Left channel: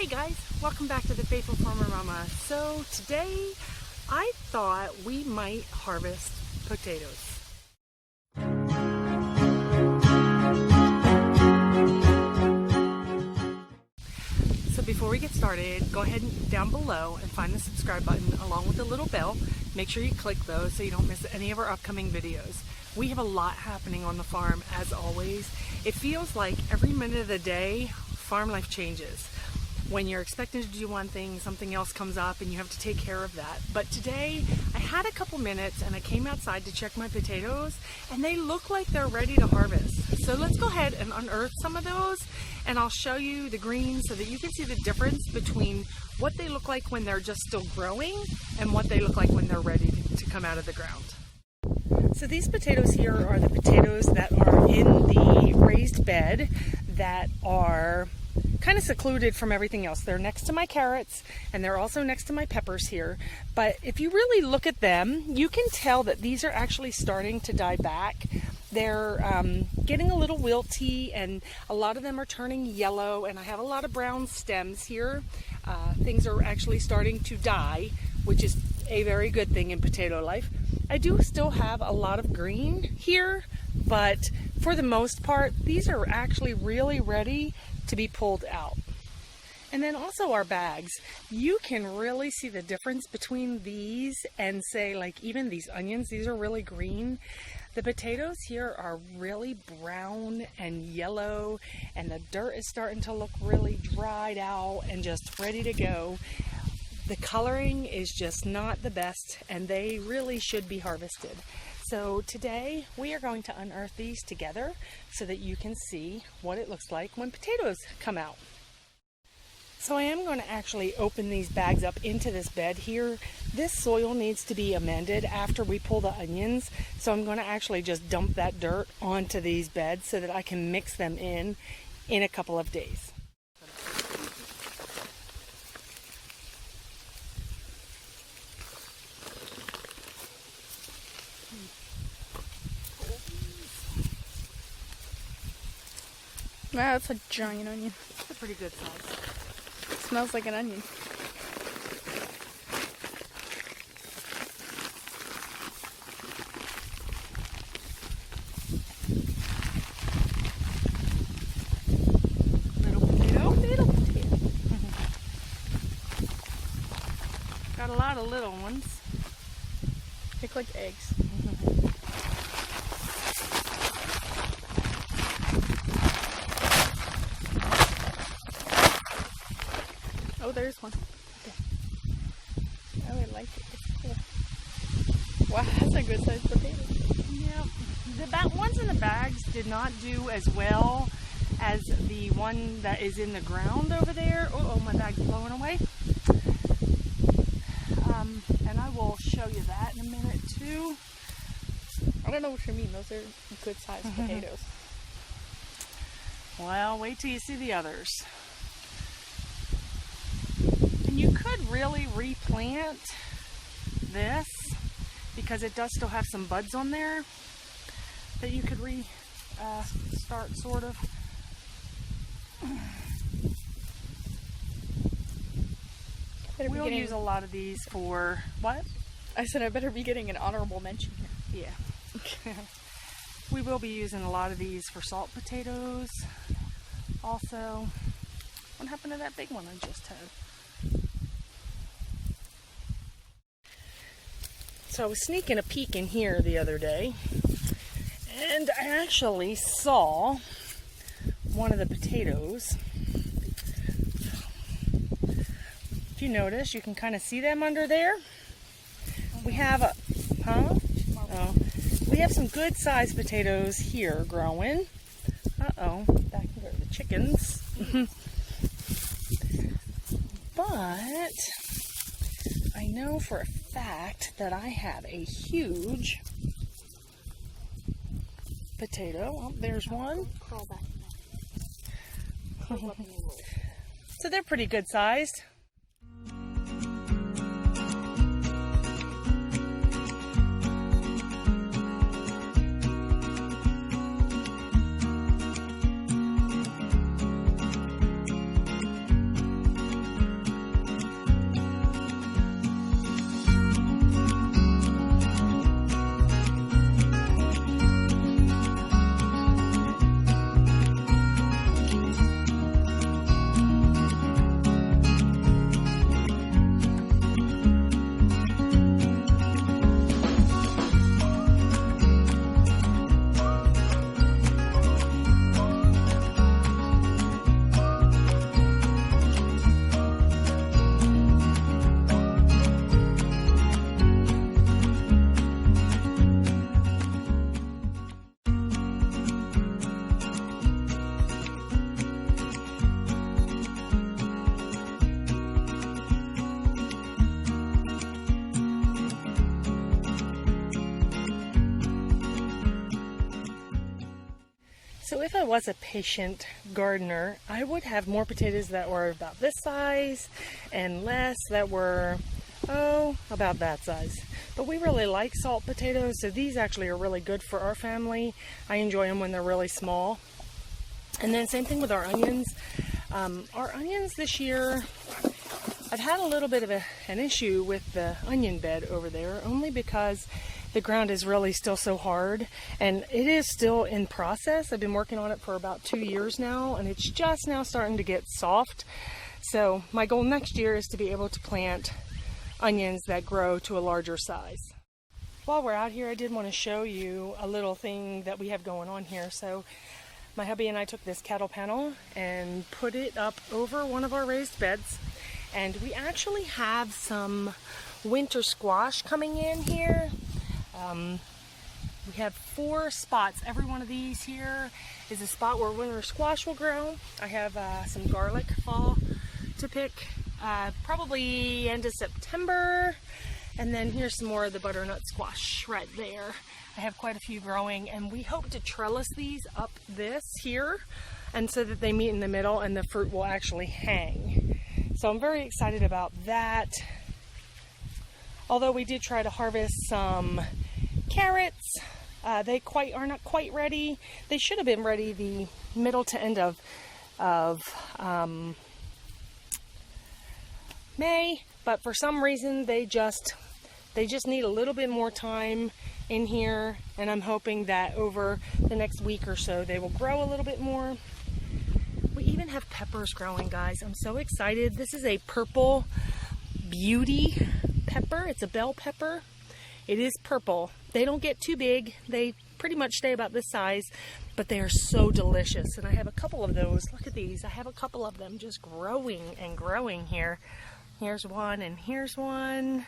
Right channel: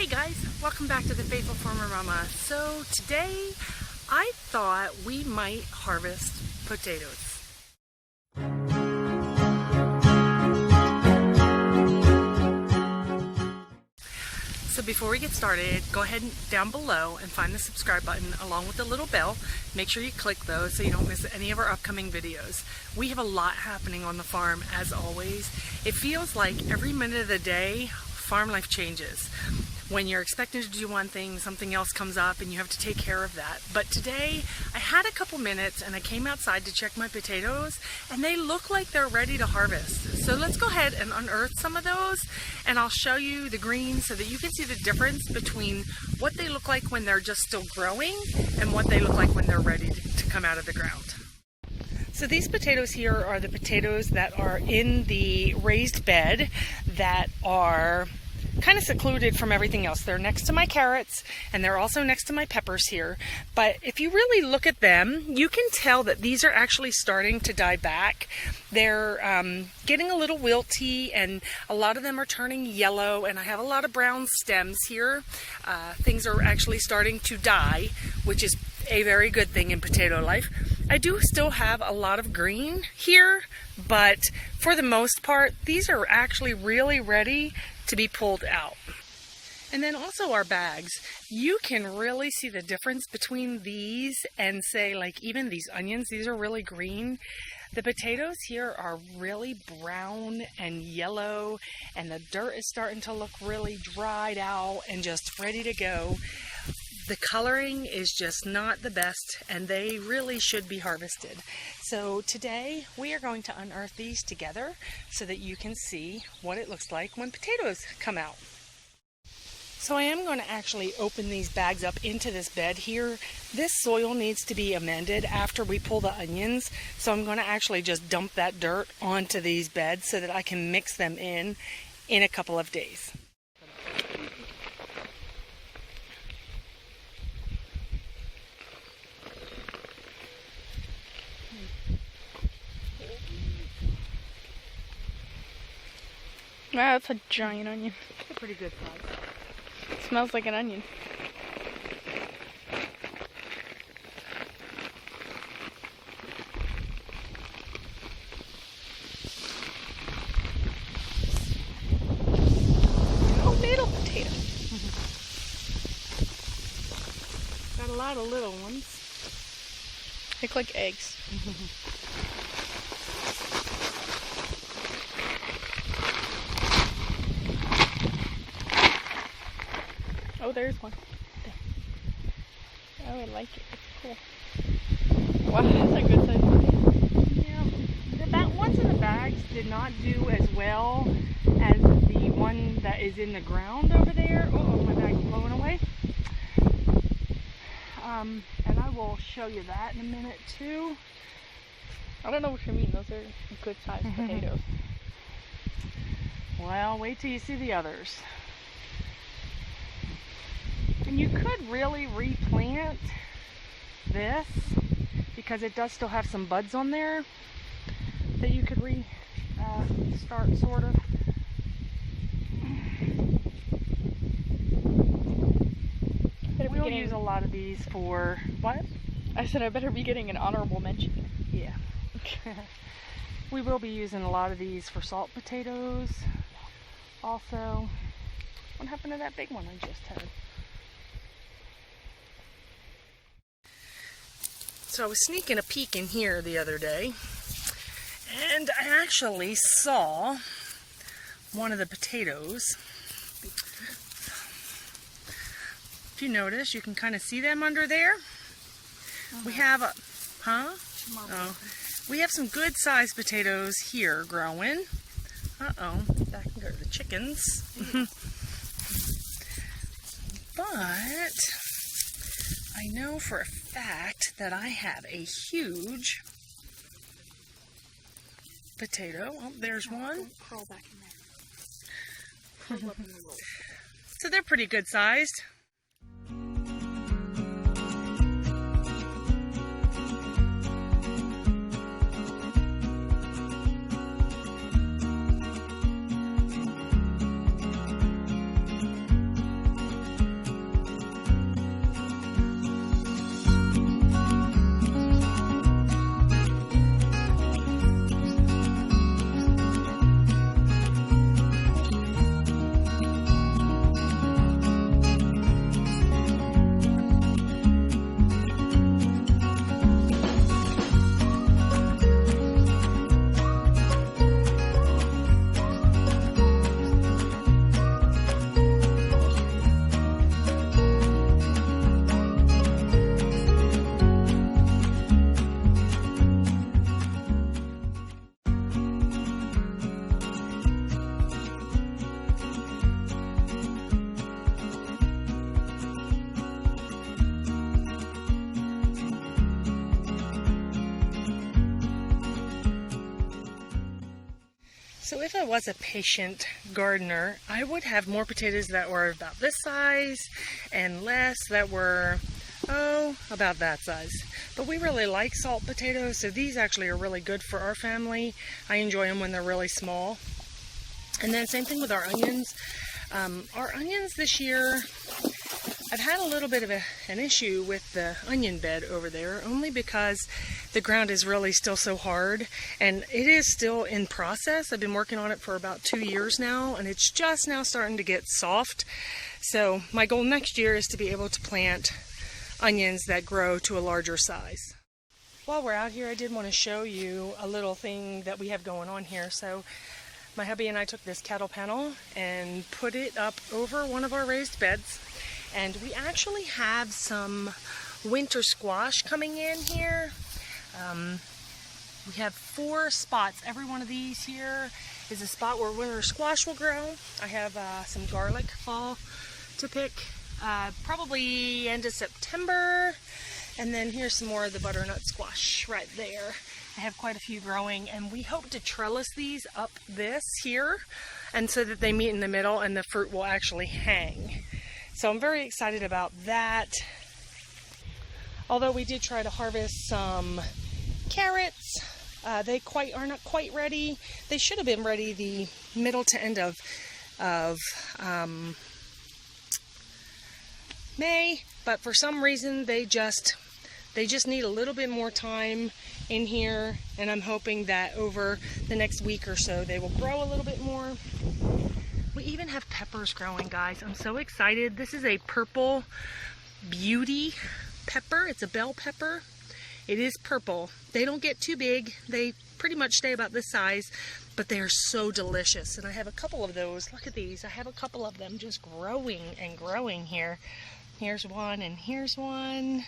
Hey guys, welcome back to the Faithful Farmer Mama. So today I thought we might harvest potatoes. So before we get started, go ahead and down below and find the subscribe button along with the little bell. Make sure you click those so you don't miss any of our upcoming videos. We have a lot happening on the farm as always. It feels like every minute of the day, farm life changes. When you're expecting to do one thing, something else comes up and you have to take care of that. But today I had a couple minutes and I came outside to check my potatoes and they look like they're ready to harvest. So let's go ahead and unearth some of those and I'll show you the green so that you can see the difference between what they look like when they're just still growing and what they look like when they're ready to come out of the ground. So these potatoes here are the potatoes that are in the raised bed that are kind of secluded from everything else. They're next to my carrots and they're also next to my peppers here. But if you really look at them, you can tell that these are actually starting to die back. They're getting a little wilty and a lot of them are turning yellow, and I have a lot of brown stems here. Things are actually starting to die, which is a very good thing in potato life. I do still have a lot of green here, but for the most part, these are actually really ready to be pulled out. And then also our bags, you can really see the difference between these and say like even these onions. These are really green. The potatoes here are really brown and yellow, and the dirt is starting to look really dried out and just ready to go. The coloring is just not the best and they really should be harvested. So today we are going to unearth these together so that you can see what it looks like when potatoes come out. So I am going to actually open these bags up into this bed here. This soil needs to be amended after we pull the onions. So I'm going to actually just dump that dirt onto these beds so that I can mix them in a couple of days. Wow, that's a giant onion. It's a pretty good size. It smells like an onion. Little potato. Got a lot of little ones. They look like eggs. Oh, there's one. Oh, I like it. It's cool. Wow, that's a good size potato. Yeah, the ones in the bags did not do as well as the one that is in the ground over there. Oh, my bag's blowing away. And I will show you that in a minute too. I don't know what you mean. Those are good sized potatoes. Well, wait till you see the others. And you could really replant this because it does still have some buds on there that you could start sort of. We'll use a lot of these for what? I said I better be getting an honorable mention here. Yeah. We will be using a lot of these for salt potatoes. Also, what happened to that big one I just had? So I was sneaking a peek in here the other day, and I actually saw one of the potatoes. If you notice, you can kind of see them under there. We have a, Oh, we have some good sized potatoes here growing. Uh-oh, that can go to the chickens. But I know for a fact that I have a huge potato. Oh, there's one. Crawl back in there. Curl up in the roll. So they're pretty good sized. So if I was a patient gardener, I would have more potatoes that were about this size and less that were, oh, about that size. But we really like salt potatoes, so these actually are really good for our family. I enjoy them when they're really small. And then same thing with our onions. Our onions this year, I've had a little bit of an issue with the onion bed over there, only because the ground is really still so hard, and it is still in process. I've been working on it for about 2 years now, and it's just now starting to get soft. So my goal next year is to be able to plant onions that grow to a larger size. While we're out here, I did want to show you a little thing that we have going on here. So my hubby and I took this cattle panel and put it up over one of our raised beds. And we actually have some winter squash coming in here. We have 4 spots. Every one of these here is a spot where winter squash will grow. I have some garlic fall to pick, probably end of September. And then here's some more of the butternut squash right there. I have quite a few growing, and we hope to trellis these up this here, and so that they meet in the middle and the fruit will actually hang. So I'm very excited about that. Although we did try to harvest some carrots, they are not quite ready. They should have been ready the middle to end of May, but for some reason they just need a little bit more time in here, and I'm hoping that over the next week or so they will grow a little bit more. We even have peppers growing, guys. I'm so excited. This is a purple beauty pepper. It's a bell pepper. It is purple. They don't get too big. They pretty much stay about this size, but they are so delicious. And I have a couple of those. Look at these. I have a couple of them just growing and growing here. Here's one, and here's one.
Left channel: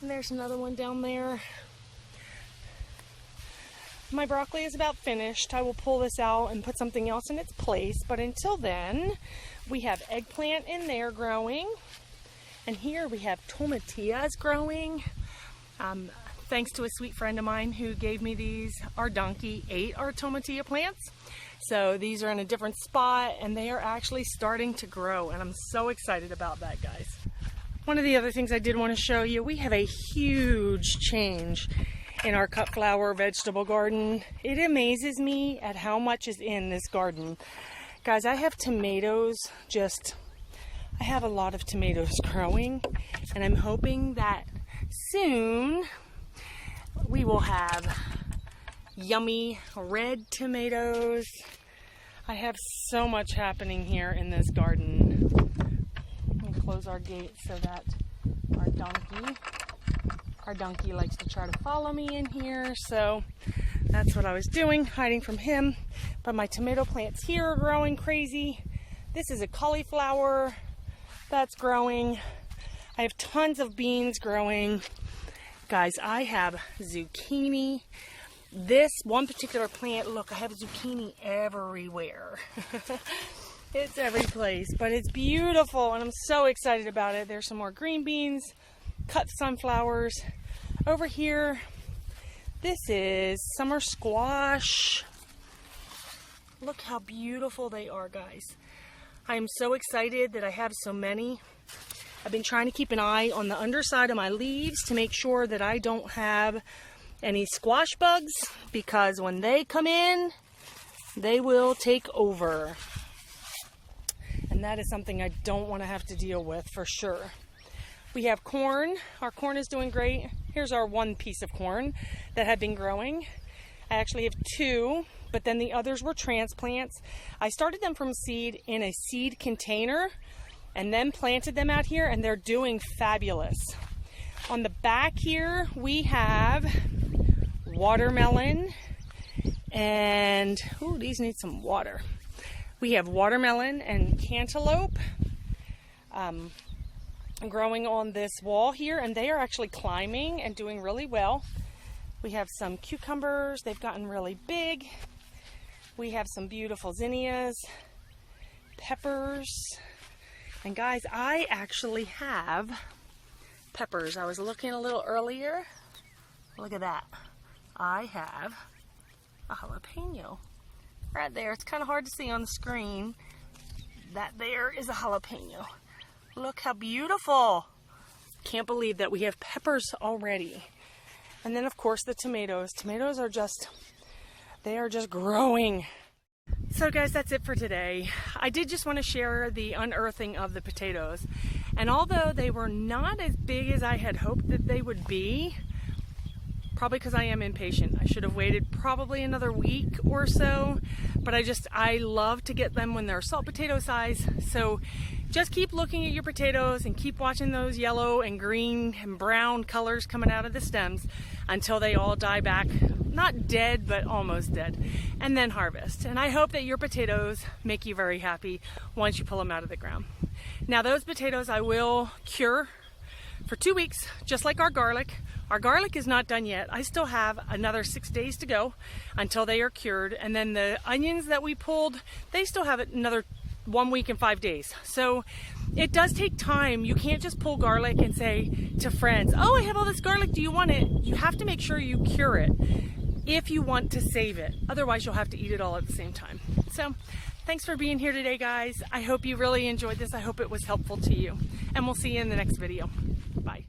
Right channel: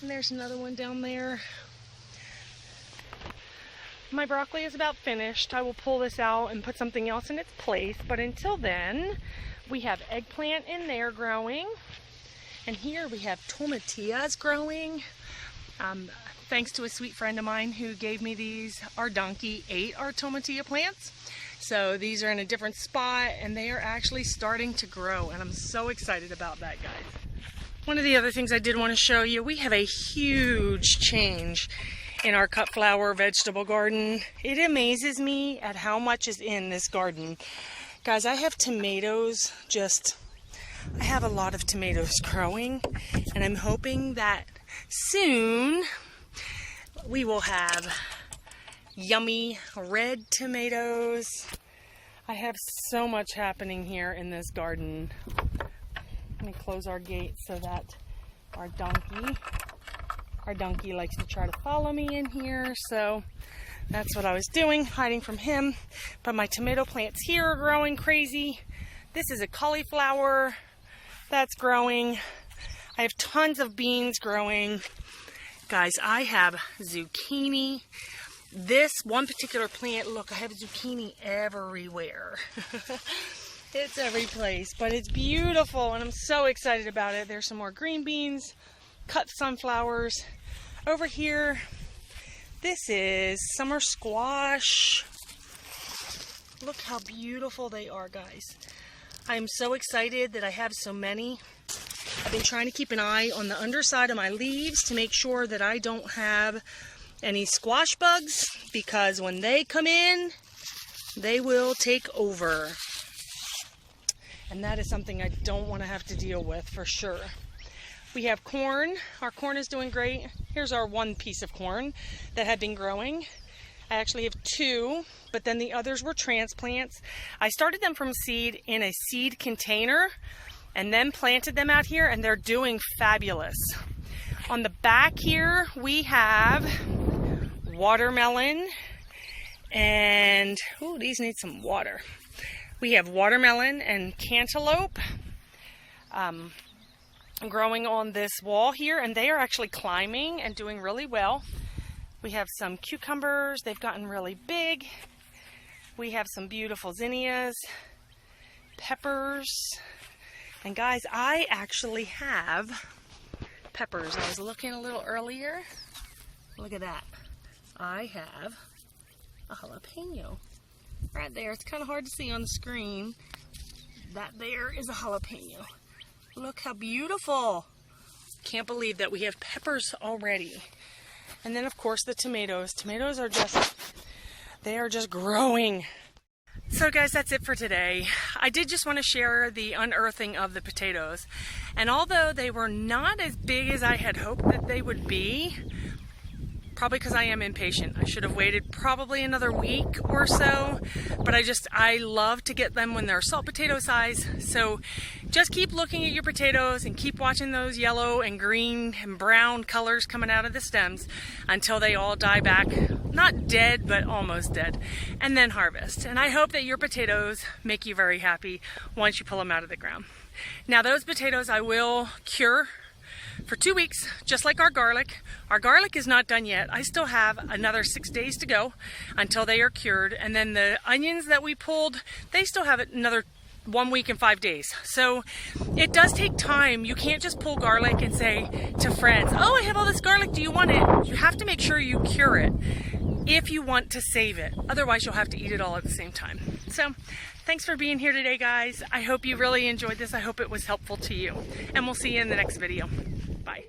And there's another one down there. My broccoli is about finished. I will pull this out and put something else in its place. But until then, we have eggplant in there growing. And here we have tomatillas growing. Thanks to a sweet friend of mine who gave me these. Our donkey ate our tomatilla plants. So these are in a different spot, and they are actually starting to grow. And I'm so excited about that, guys. One of the other things I did want to show you, we have a huge change in our cut flower vegetable garden. It amazes me at how much is in this garden. Guys, I have tomatoes, I have a lot of tomatoes growing, and I'm hoping that soon we will have yummy red tomatoes. I have so much happening here in this garden. Let me close our gate so that our donkey likes to try to follow me in here, so that's what I was doing, hiding from him. But my tomato plants here are growing crazy. This is a cauliflower that's growing. I have tons of beans growing. Guys, I have zucchini. This one particular plant, look, I have zucchini everywhere. It's every place, but it's beautiful, and I'm so excited about it. There's some more green beans, cut sunflowers. Over here, this is summer squash. Look how beautiful they are, guys. I am so excited that I have so many. I've been trying to keep an eye on the underside of my leaves to make sure that I don't have any squash bugs, because when they come in, they will take over. And that is something I don't want to have to deal with for sure. We have corn. Our corn is doing great. Here's our one piece of corn that had been growing. I actually have 2, but then the others were transplants. I started them from seed in a seed container and then planted them out here, and they're doing fabulous. On the back here, we have watermelon, and these need some water. We have watermelon and cantaloupe growing on this wall here, and they are actually climbing and doing really well. We have some cucumbers. They've gotten really big. We have some beautiful zinnias, peppers, and guys, I actually have peppers. I was looking a little earlier. Look at that. I have a jalapeno. Right there. It's kind of hard to see on the screen. That there is a jalapeno. Look how beautiful. Can't believe that we have peppers already. And then of course the tomatoes. Tomatoes are just, they are just growing. So guys, that's it for today. I did just want to share the unearthing of the potatoes. And although they were not as big as I had hoped that they would be, probably because I am impatient. I should have waited probably another week or so, but I love to get them when they're salt potato size. So just keep looking at your potatoes and keep watching those yellow and green and brown colors coming out of the stems until they all die back. Not dead, but almost dead. And then harvest. And I hope that your potatoes make you very happy once you pull them out of the ground. Now those potatoes I will cure for 2 weeks, just like our garlic. Our garlic is not done yet. I still have another 6 days to go until they are cured. And then the onions that we pulled, they still have another 1 week and 5 days. So it does take time. You can't just pull garlic and say to friends, oh, I have all this garlic, do you want it? You have to make sure you cure it if you want to save it. Otherwise, you'll have to eat it all at the same time. So thanks for being here today, guys. I hope you really enjoyed this. I hope it was helpful to you. And we'll see you in the next video. Bye.